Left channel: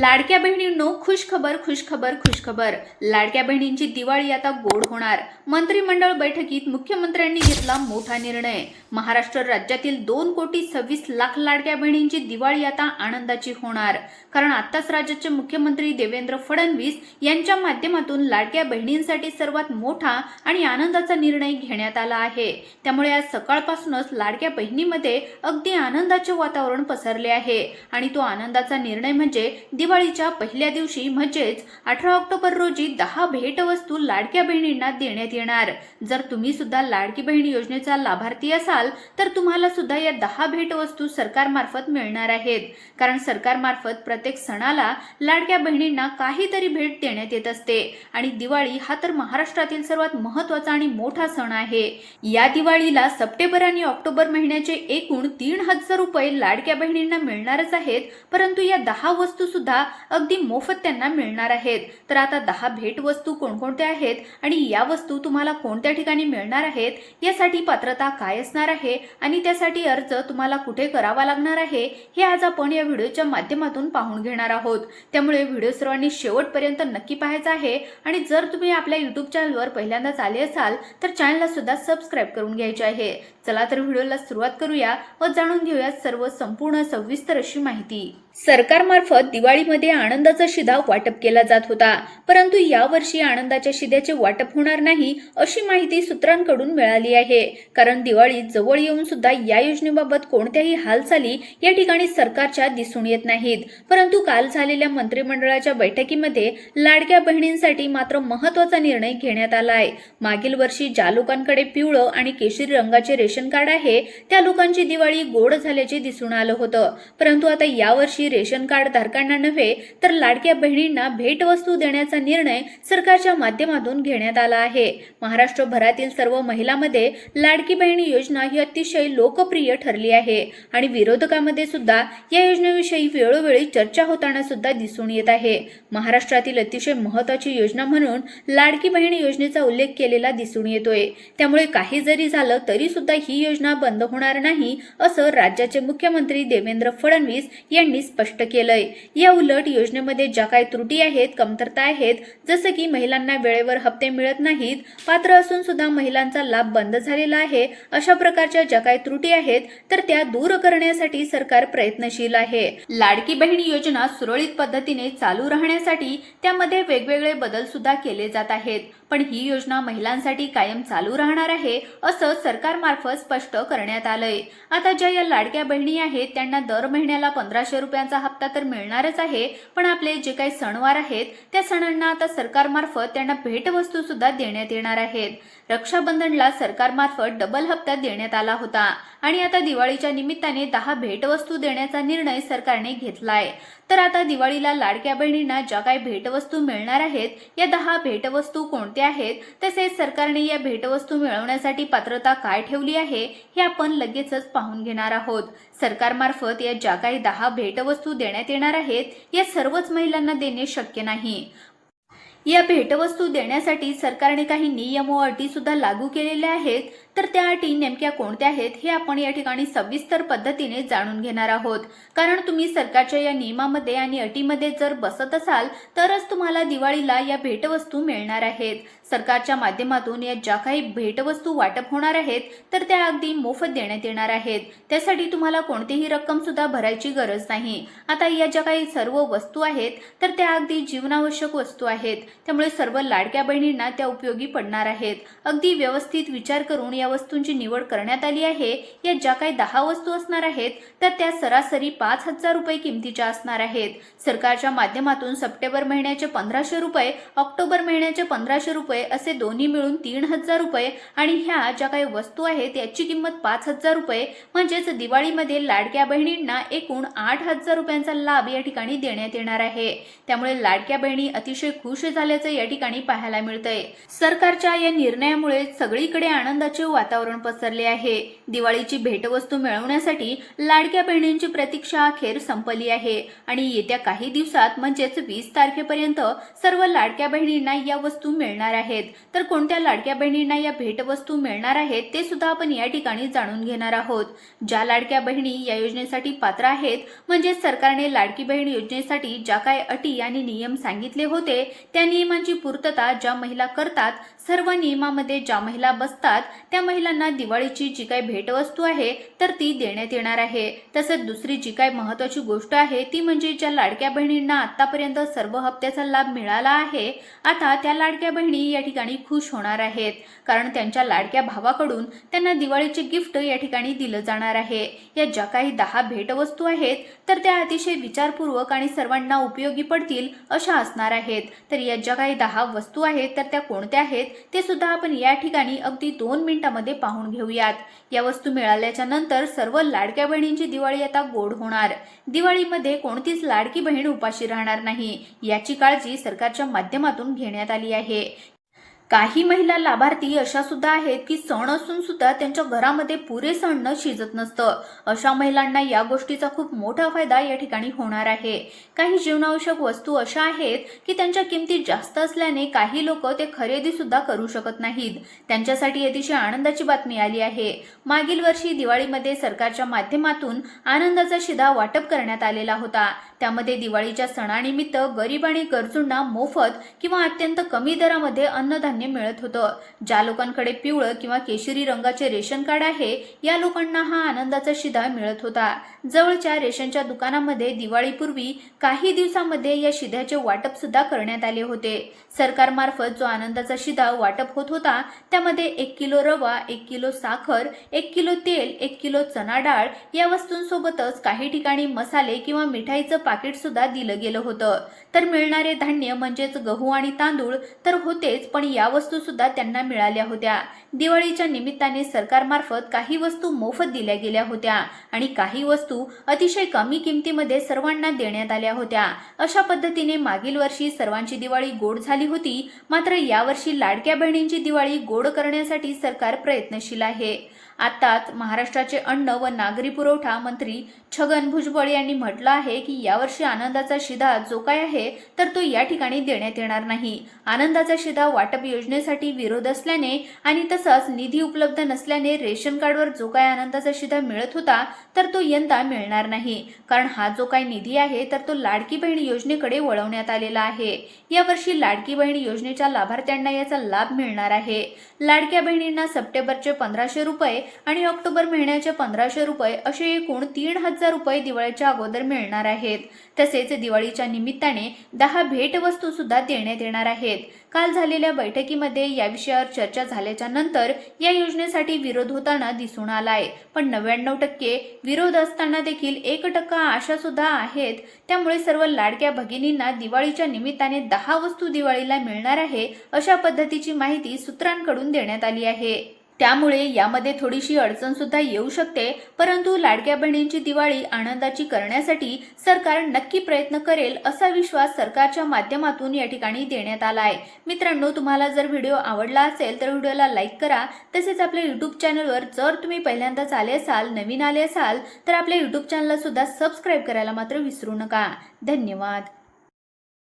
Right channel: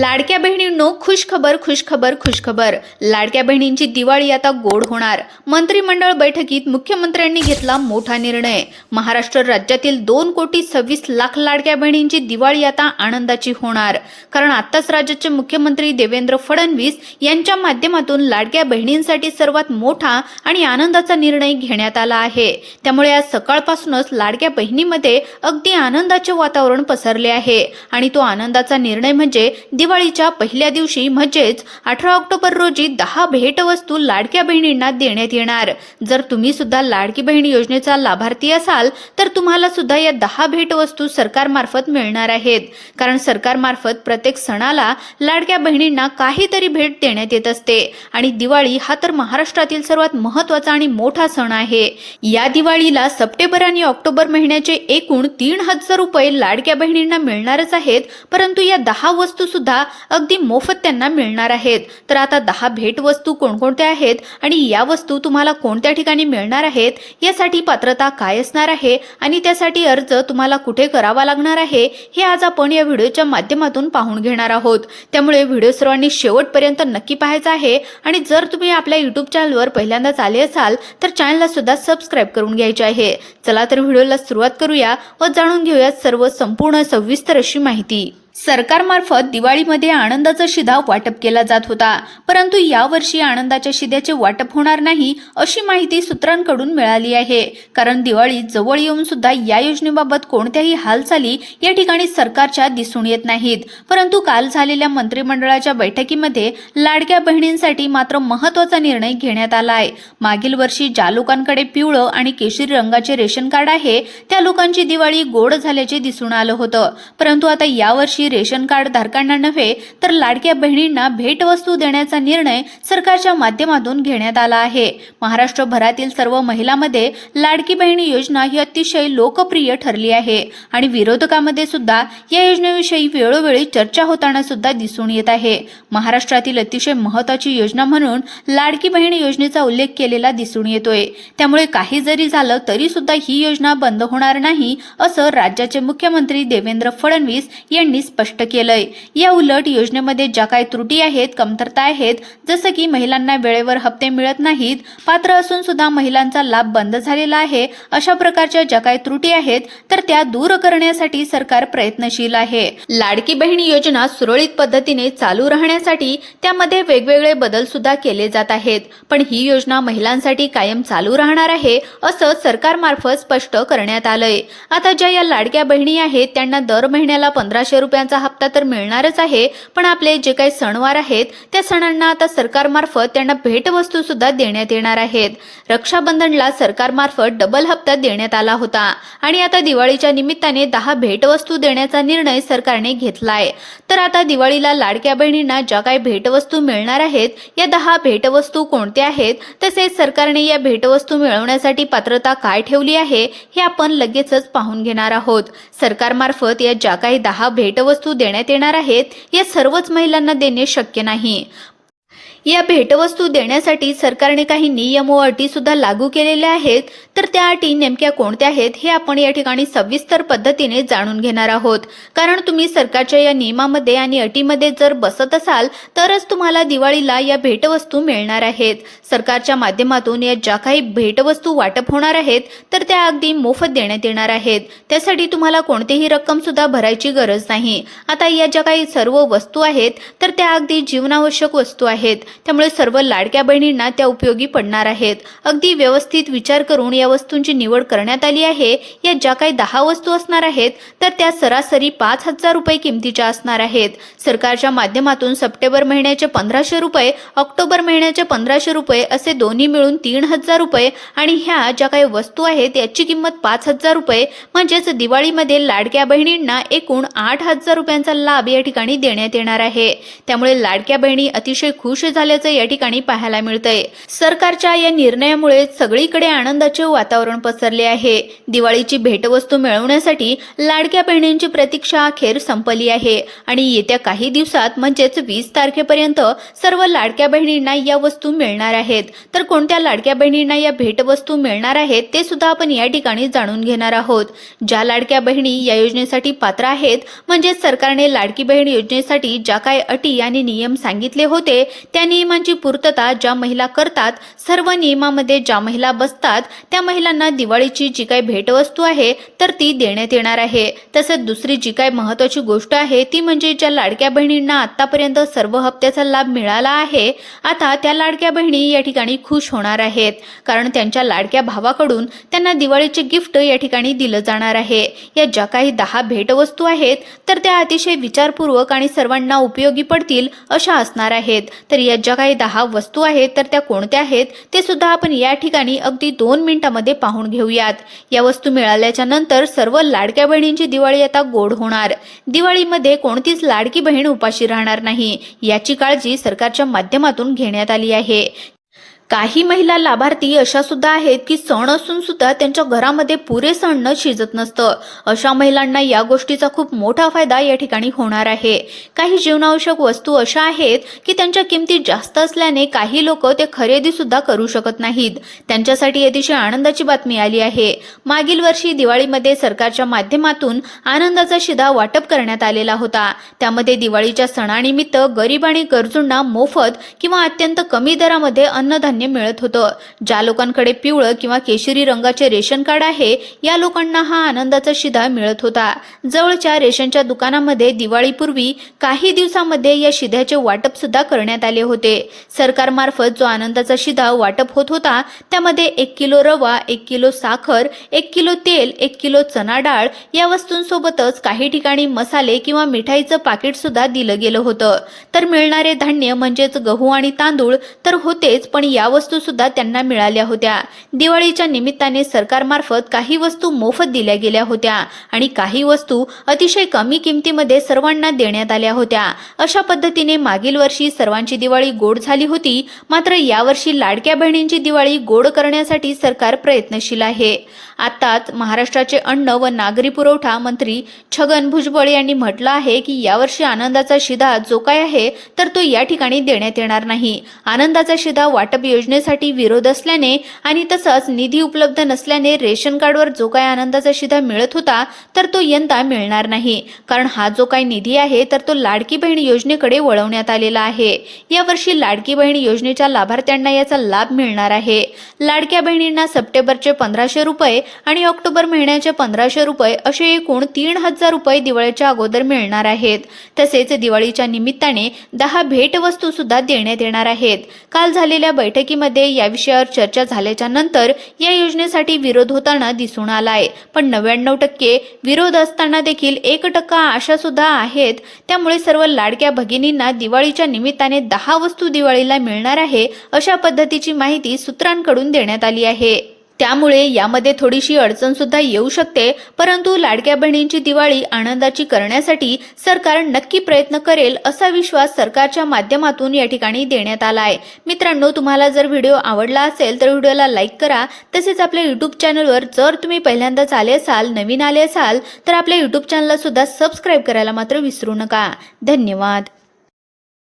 लाडक्या बहिणींनो खुशखबर खुशखबर खुशखबर. लाडक्या बहिणींची दिवाळी आता गोड होणार. मंत्रिमंडळ बैठकीत मुख्यमंत्र्यांनी घेतला मोठा निर्णय. महाराष्ट्र राज्यातील दोन कोटी सव्वीस लाख लाडक्या बहिणींची दिवाळी आता आनंदाची होणार. कारण आताच राज्याचे मुख्यमंत्री देवेंद्र फडणवीस यांच्या माध्यमातून लाडक्या बहिणींसाठी सर्वात मोठा आणि आनंदाचा निर्णय घेण्यात आला आहे. त्यामुळे आज सकाळपासूनच लाडक्या बहिणीमध्ये अगदी आनंदाचे वातावरण पसरले आहे. आणि तो आनंदाचा निर्णय म्हणजे दिवाळीच्या पहिल्या दिवशी म्हणजेच अठरा ऑक्टोबर रोजी दहा भेटवस्तू लाडक्या बहिणींना देण्यात येणार. जर तुम्ही सुद्धा लाडकी बहीण योजनेचा लाभार्थी असाल तर तुम्हाला सुद्धा या दहा भेटवस्तू सरकारमार्फत मिळणार आहेत. कारण सरकारमार्फत प्रत्येक सणाला लाडक्या बहिणींना काहीतरी भेट देण्यात येत असते. आणि दिवाळी हा तर महाराष्ट्रातील सर्वात महत्त्वाचा आणि मोठा सण आहे. या दिवाळीला सप्टेंबर आणि ऑक्टोबर महिन्याचे एकूण तीन हजार रुपये लाडक्या बहिणींना मिळणारच आहेत परंतु या दहा वस्तू सुद्धा अगदी मोफत त्यांना मिळणार आहेत. तर आता दहा भेटवस्तू कोणकोणत्या आहेत आणि या वस्तू तुम्हाला कोणत्या ठिकाणी मिळणार आहेत यासाठी पात्रता काय असणार आहे आणि त्यासाठी अर्ज तुम्हाला कुठे करावा लागणार आहे हे आज आपण या व्हिडिओच्या माध्यमातून पाहून घेणार आहोत. त्यामुळे व्हिडिओ सर्वांनी शेवटपर्यंत नक्की पाहायचा आहे आणि जर तुम्ही आपल्या युट्यूब चॅनलवर पहिल्यांदाच आले असाल तर चॅनलला सुद्धा सबस्क्राईब करून घ्यायचे आहे. चला तर व्हिडिओला सुरुवात करूया व जाणून घेऊया सर्व संपूर्ण सविस्तर अशी माहिती. सरकारमार्फत दिवाळीमध्ये आनंदाचा शिधा वाटप केला जात होता. परंतु यावर्षी आनंदाच्या शिद्याचे वाटप होणार नाही अशी माहिती सूत्रांकडून मिळाली आहे. कारण दिवाळी जवळ येऊन सुद्धा या योजनेबाबत कोणत्याही हालचाली या ठिकाणी सरकारच्या दिसून येत नाहीत. परंतु काल झालेल्या मंत्रिमंडळाच्या बैठकीमध्ये लाडक्या बहिणींसाठी मात्र महत्त्वाचा निर्णय घेण्यात आला आहे मागील वर्षी ज्या लोकांकडे पिवळं आणि केशरी रंगाचे रेशन कार्ड आहे त्या लोकांची दिवाळी गोड झाल्याचे दिसून आलं होतं. परंतु आता यावर्षी रेशन कार्ड धारकांना नव्हे तर लाडक्या बहिणींना भेटवस्तू देण्याचा निर्णय सरकारच्या माध्यमातून घेण्यात आला आहे. महाराष्ट्रभरातील सर्व महिलांमध्ये लाडकी बहिणी योजना ही अतिशय लोकप्रिय ठरली आहे आणि विरोधकामध्ये सुद्धा या योजनेविषयी वेळोवेळी चर्चा होताना सुद्धा दिसून येत आहे. महाराष्ट्रातील अतिशय महत्वाची योजना म्हणून लाडकी बहीण योजनेचा उल्लेख केलेला दिसून येतोय. त्यामुळे काही जरी झालं तरी सुद्धा ही योजना बंद होणार नाही असं राज्याचे मुख्यमंत्री देवेंद्र फडणवीस यांनी स्पष्ट केलंय. या उलट योजनेमध्ये ज्या काही त्रुटी आहेत कमतरता आहेत जसं की महिलांना वेळेवर हप्ते मिळत नाहीत पात्र असून सुद्धा महिलांचा लाभ बंद झालेला आहे अशा प्रकारच्या ज्या काही त्रुटी आहेत तर त्या दूर करण्यासाठी सरकार प्रयत्नशील आहे. लाडकी बहीण योजना सुरळीत पद्धतीने चालू राहण्यासाठी त्यामध्ये वेगवेगळे बदल सुद्धा केले जात आहेत. पण ही योजना महिलांसाठी कायम चालू राहणार आहे असं सरकारमार्फत स्पष्ट करण्यात आलंय. आता ज्या या लाडक्या बहिणी आहेत त्यांना दर महिन्याला पंधराशे रुपयांचा हप्ता तर मिळणारच आहे पण आपले जे काही सणवार आहेत त्या सणांना आता सरकारमार्फत त्यांना भेटवस्तू सुद्धा देण्यात येणार आहेत. रक्षाबंधनला सरकारमार्फत डबल हप्ता देण्यात आला होता आणि आता दिवाळीच्या निमित्ताने दहा भेटवस्तू देण्याचा निर्णय सरकारने घेतलाय. तर आता दिवाळीला लाडक्या बहिणींना ज्या काही भेटवस्तू मिळणार आहेत या दहा भेटवस्तू कोणत्या आहेत तसेच सरकारने या भेटवस्तू मिळवण्यासाठी पात्रता काय ठेवली आहे हे आपण लगेचच पाहून घेणार आहोत. सरकारमार्फत या ज्या काही दहा भेटवस्तू देण्यात येणार आहेत या सर्वच महिलांना देणे शक्य नाही. या भेटवस्तू देण्यासाठी सरकारने काही नियम व अटी सुद्धा लागू केलेल्या आहेत. तर त्या अटी नेमक्या कोणत्या आहेत हे आपण या ठिकाणी सविस्तर पद्धतीने जाणून घेणार आहोत. कारण तुम्ही सरकारच्या या नियमामध्ये आणि अटीमध्ये जर बसत असाल तरच तुम्हाला दिवाळीला या भेटवस्तू मिळणार आहेत. सरकारच्या माध्यमातून या ज्या काही भेटवस्तू वाटप होणार आहेत तर त्या अगदी मोफत देण्यात येणार आहेत. त्यासाठी तुम्हाला कोणतीही रक्कम सुद्धा भरायची गरज नाही. आता या ज्या काही सर्व वस्तू आहेत तर त्या अगदी जीवनावश्यक वस्तू आहेत. त्यामुळे सर्व लाडक्या बहिणींना त्या उपयोगी पडणार आहेत. अगदी व्यवस्थित विचार करून या वस्तूंची निवड करण्यात आली आहे. या ज्या काही दहा वस्तू असणार आहेत तर त्या सरासरी पाच हजार रुपये किमतीच्या असणार आहेत. सरकारच्या माध्यमातून सप्टेंबर महिन्याचे पंधराशे रुपये ऑक्टोबर महिन्याचे पंधराशे रुपये असे दोन्ही मिळून तीन हजार रुपये आणि ह्या ज्या काही वस्तू आहेत याची किंमत पाच हजार रुपये. म्हणजेच दिवाळीमध्ये लाडक्या बहिणींना एकूण आठ हजार रुपयांचा लाभ या ठिकाणी देण्यात येणार आहे. त्यामुळे लाडक्या बहिणी अतिशय खुश झाल्या झाल्याचं या ठिकाणी पाहायला मिळतंय. सरकारच्या या निर्णयामुळे सगळीकडे आनंदाचे वातावरण पसरले आहे. दिवाळीची भेटवस्तू मिळवण्यासाठी लाडक्या बहिणींची प्रतीक्षा अखेर संपली आहे. आणि येत्या काही दिवसात म्हणजेच वीस तारखेपर्यंत सर्व लाडक्या बहिणींना या वस्तू मिळणार आहेत. तर कोणत्या लाडक्या बहिणींना या भेटवस्तू मिळणार आहेत ते सुद्धा आपण या ठिकाणी जाणून घेणार आहोत. ज्या लाडक्या बहिणी या योजनेसाठी पात्र आहेत म्हणजे सरकारने लाडकी बहीण योजनेसाठी ज्या काही अटी आणि नियम सांगितले होते त्यांनी नियमांची पूर्तता ज्या महिला करतात सर्व नियमामध्ये ज्या महिला बसतात त्या महिलांना दिवाळीची जी काही भेटवस्तू आहे तर ती देण्यात येणार आहे. तसंच दुसरी जी काही महत्वाची गोष्ट आहे ती म्हणजे ज्या लाडक्या बहिणींना आतापर्यंत सर्व हप्त्याचा लाभ मिळाला आहे आता त्या लाडक्या बहिणी या ठिकाणी खुश होणार आहेत. कारण त्यांच्या लाडक्या भावाकडून त्यांना दिवाळीचे गिफ्ट या ठिकाणी दिलं जाणार आहे. या ज्या काही दहा भेटवस्तू आहेत तर त्या अतिशय विचारपूर्वक आणि सर्वांना उपयोगी पडतील अशा असणार आहेत. तर या ज्या काही दहा वस्तू आहेत तर त्या कोणत्या आहेत ते सुद्धा आपण या ठिकाणी अगदी दोन मिनिटांमध्ये पाहून घेऊयात. या वस्तू मिळाल्याच्या नंतर सर्व लाडक्या बहिणींची दिवाळी आता गोड होणार. दिवाळीमध्ये कोणतीच लाडकी बहीण उपाशी राहणार नाही. याची काळजी सरकारच्या माध्यमातून घेण्यात आली आहे. काही महिला लाभार्थी अशा सुद्धा आहेत की सण असून सुद्धा त्यांच्या घरामध्ये पुरेसं अन्न शिजत नसतं. अशा महिलांना या गोष्टीचा खूप मोठा फायदा या ठिकाणी होणार आहे. काही जीवनावश्यक वस्तू अशा आहेत की त्यांच्या किमती जास्त असल्याने काही लोक ते खरेदी सुद्धा करू शकत नाहीत. त्यांच्यासाठी अतिशय आनंदाची बातमी आली आहे. मागील वर्षी दिवाळीमध्ये सरकारच्या माध्यमातून आनंदाचा शिधा वाटप करण्यात आलेला होता. त्यामध्ये दिवाळीच्या सणानिमित्त गरीब आणि गरजूंना मोफत किंवा अत्यंत कमी दरामध्ये अन्नधान्य मिळत होतं. ज्या लोकांकडे पिवळं किंवा केशरी रंगाचे रेशन कार्ड आहे या लोकांना हा आनंदाचा शिधा मिळत होता. जवळच्या रेशनच्या दुकानामध्ये दिवाळीपूर्वी काही दिवसामध्ये या शिध्याचे वाटप सुद्धा करण्यात आले होते. सरकारमार्फत जो आनंदाचा शिधा वाटप होत होता त्यामध्ये एक किलो रवा एक किलो साखर एक किलो तेल एक किलो चना डाळ या वस्तूंसोबतच काही ठिकाणी मसाले किंवा मिठाईचं पाकिट सुद्धा दिलं गेलं होतं. तर मिळणारे धान्य म्हणजेच गहू आणि तांदूळ तर होतेच पण या वस्तू सुद्धा त्यांना मिळाल्या होत्या. दिवाळीच्या निमित्ताने सरकारमार्फत काही वस्तू मोफत दिल्या गेल्या होत्या आणि काही वस्तू अतिशय कमी किमतीमध्ये सर्वांना देण्यात आल्या होत्या. अशा पद्धतीने मागील वर्षी सर्वांची दिवाळी गोड झाली होती. मात्र यावर्षी लाडक्या बहिणींची दिवाळी गोड करण्यासाठी सरकार प्रयत्नशील आहे. आताच महाराष्ट्राचे अन्न व नागरी पुरवठा मंत्री छगन भुजबळ यांनी म्हटलं आहे की यावर्षी आनंदाचा शिधा जो काय आहे तर तो या ठिकाणी देण्यात येणार नाही. आनंदाचा शिधा वाटप योजनेसाठी विरोध असल्याने आणि तसंच निधी उपलब्ध नसल्याने रेशन कार्डवर जो काय आनंदाचा शिधा मिळत होता तर तो यंदा मिळणार नाही. कारण हा जो काय निधी आहे तर तो लाडकी बहीण योजनेकडे वळवण्यात आलेला आहे. यावर्षी लाडकी बहीण योजनेच्या लाभार्थ्यांना याचा लाभ मिळणार आहे. लाडक्या बहिणींना सप्टेंबरचे पंधराशे रुपये आणि ऑक्टोबर महिन्याचे पंधराशे रुपये असे एकूण तीन हजार रुपये दिवाळीच्या अगोदर मिळणार आहेत. तसेच दिवाळीच्या निमित्ताने दहा भेटवस्तू सुद्धा देण्यात येणार आहेत. काल झालेल्या बैठकीमध्ये या विषयावर चर्चा झाल्याच्यानंतर या योजनेसाठी विरोध होताना दिसून आलाय. पण नव्याण्णव टक्के विरोध असताना देखील एक टक्का आशा सुद्धा आहेत. त्यामुळे सर्व लाडक्या भगिनींना दिवाळीच्या निमित्ताने दहा वस्तू दिवाळीला मिळणार आहे अशा पद्धतीची माहिती सूत्रांकडून देण्यात आली आहे. त्यामुळे यामध्ये थोडीशी अडचण सुद्धा येऊ शकते परंतु लाडक्या बहिणींची दिवाळी आनंदाची करण्यासाठी सरकार नक्की प्रयत्न करेल असा विश्वास सरकारच्या माध्यमातून या ठिकाणी देण्यात आला आहे. मित्रांनो तुम्हाला जर व्हिडिओ आवडला असेल तर व्हिडिओला लाईक करा. तसेच आपल्या यूट्यूब चॅनलवर जर तुम्ही पहिल्यांदाच आले असाल नवीन आले असाल तर आपल्या यूट्यूब चॅनलला सुद्धा सबस्क्राईब करायला मात्र विसरू नका. धन्यवाद.